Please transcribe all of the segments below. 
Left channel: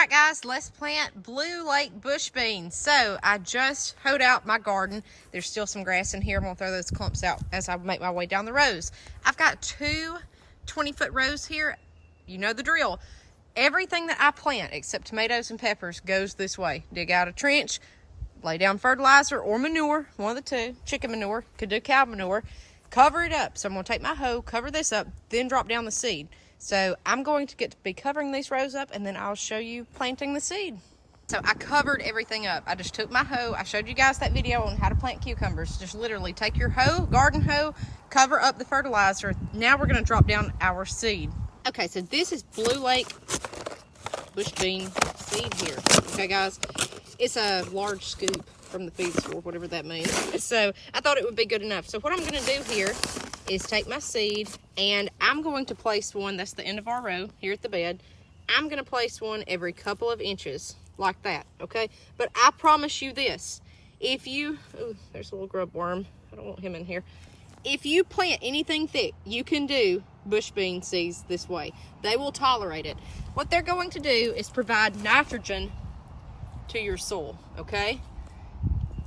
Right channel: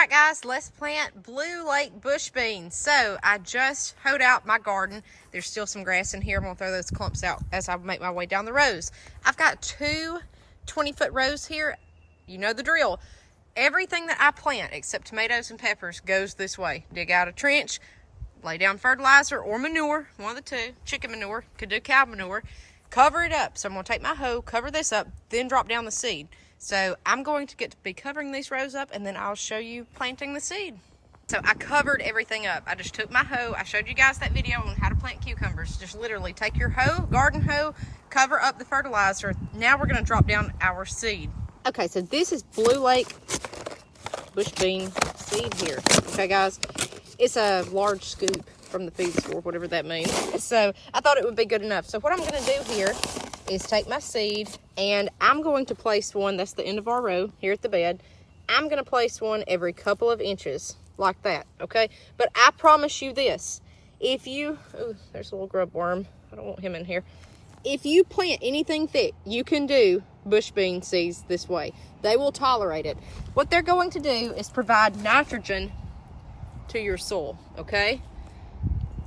right, guys, let's plant Blue Lake bush beans. So I just hoed out my garden. There's still some grass in here. I'm gonna throw those clumps out as I make my way down the rows. I've got two 20-foot rows here. You know the drill. Everything that I plant except tomatoes and peppers goes this way. Dig out a trench, lay down fertilizer or manure, one of the two. Chicken manure, could do cow manure. Cover it up. So I'm gonna take my hoe, cover this up, then drop down the seed. So I'm going to get to be covering these rows up, and then I'll show you planting the seed. So I covered everything up. I just took my hoe. I showed you guys that video on how to plant cucumbers. Just literally take your hoe, garden hoe, cover up the fertilizer. Now we're gonna drop down our seed. Okay, so this is Blue Lake bush bean seed here. Okay, guys, it's a large scoop from the feed store, whatever that means. So I thought it would be good enough. So what I'm gonna do here is take my seed, and I'm going to place one, that's the end of our row here at the bed. I'm gonna place one every couple of inches like that, okay? But I promise you this, if you, oh, there's a little grub worm. I don't want him in here. If you plant anything thick, you can do bush bean seeds this way. They will tolerate it. What they're going to do is provide nitrogen to your soil, okay?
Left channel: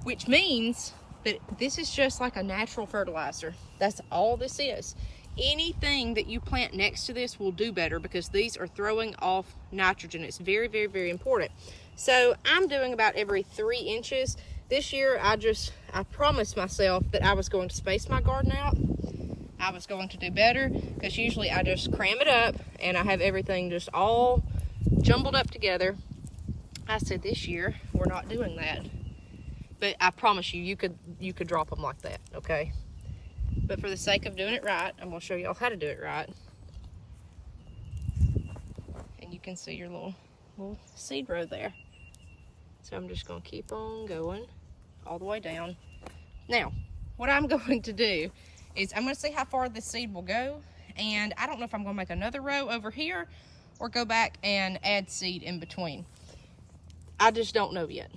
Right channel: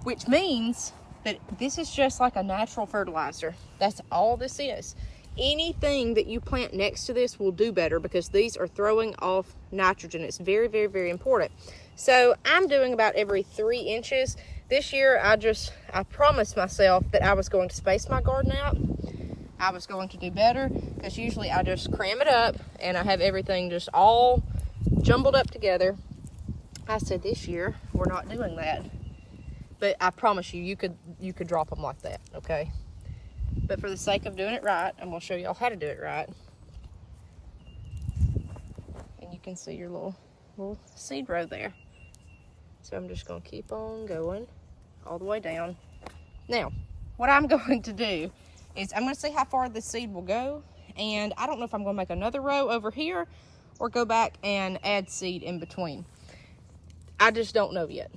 Which means that this is just like a natural fertilizer. That's all this is. Anything that you plant next to this will do better because these are throwing off nitrogen. It's very, very, very important. So I'm doing about every 3 inches. This year, I promised myself that I was going to space my garden out. I was going to do better because usually I just cram it up and I have everything just all jumbled up together. I said this year, we're not doing that. But I promise you, you could drop them like that, okay? But for the sake of doing it right, I'm gonna show y'all how to do it right. And you can see your little seed row there. So I'm just gonna keep on going all the way down. Now, what I'm going to do is I'm gonna see how far this seed will go. And I don't know if I'm gonna make another row over here or go back and add seed in between. I just don't know yet.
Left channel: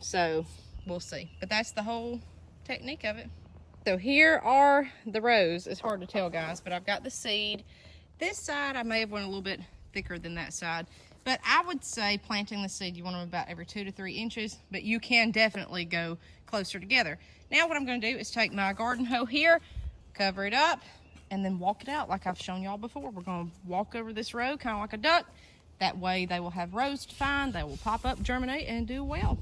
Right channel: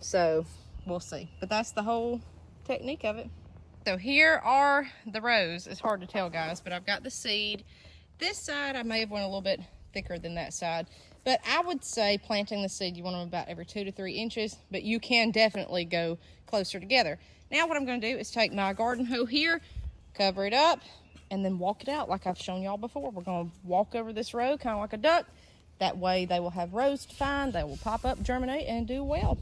So we'll see. But that's the whole technique of it. So here are the rows. It's hard to tell, guys, but I've got the seed. This side, I may have went a little bit thicker than that side. But I would say planting the seed, you want them about every 2 to 3 inches, but you can definitely go closer together. Now what I'm gonna do is take my garden hoe here, cover it up, and then walk it out like I've shown y'all before. We're gonna walk over this row kind of like a duck. That way they will have rows to find, they will pop up, germinate, and do well.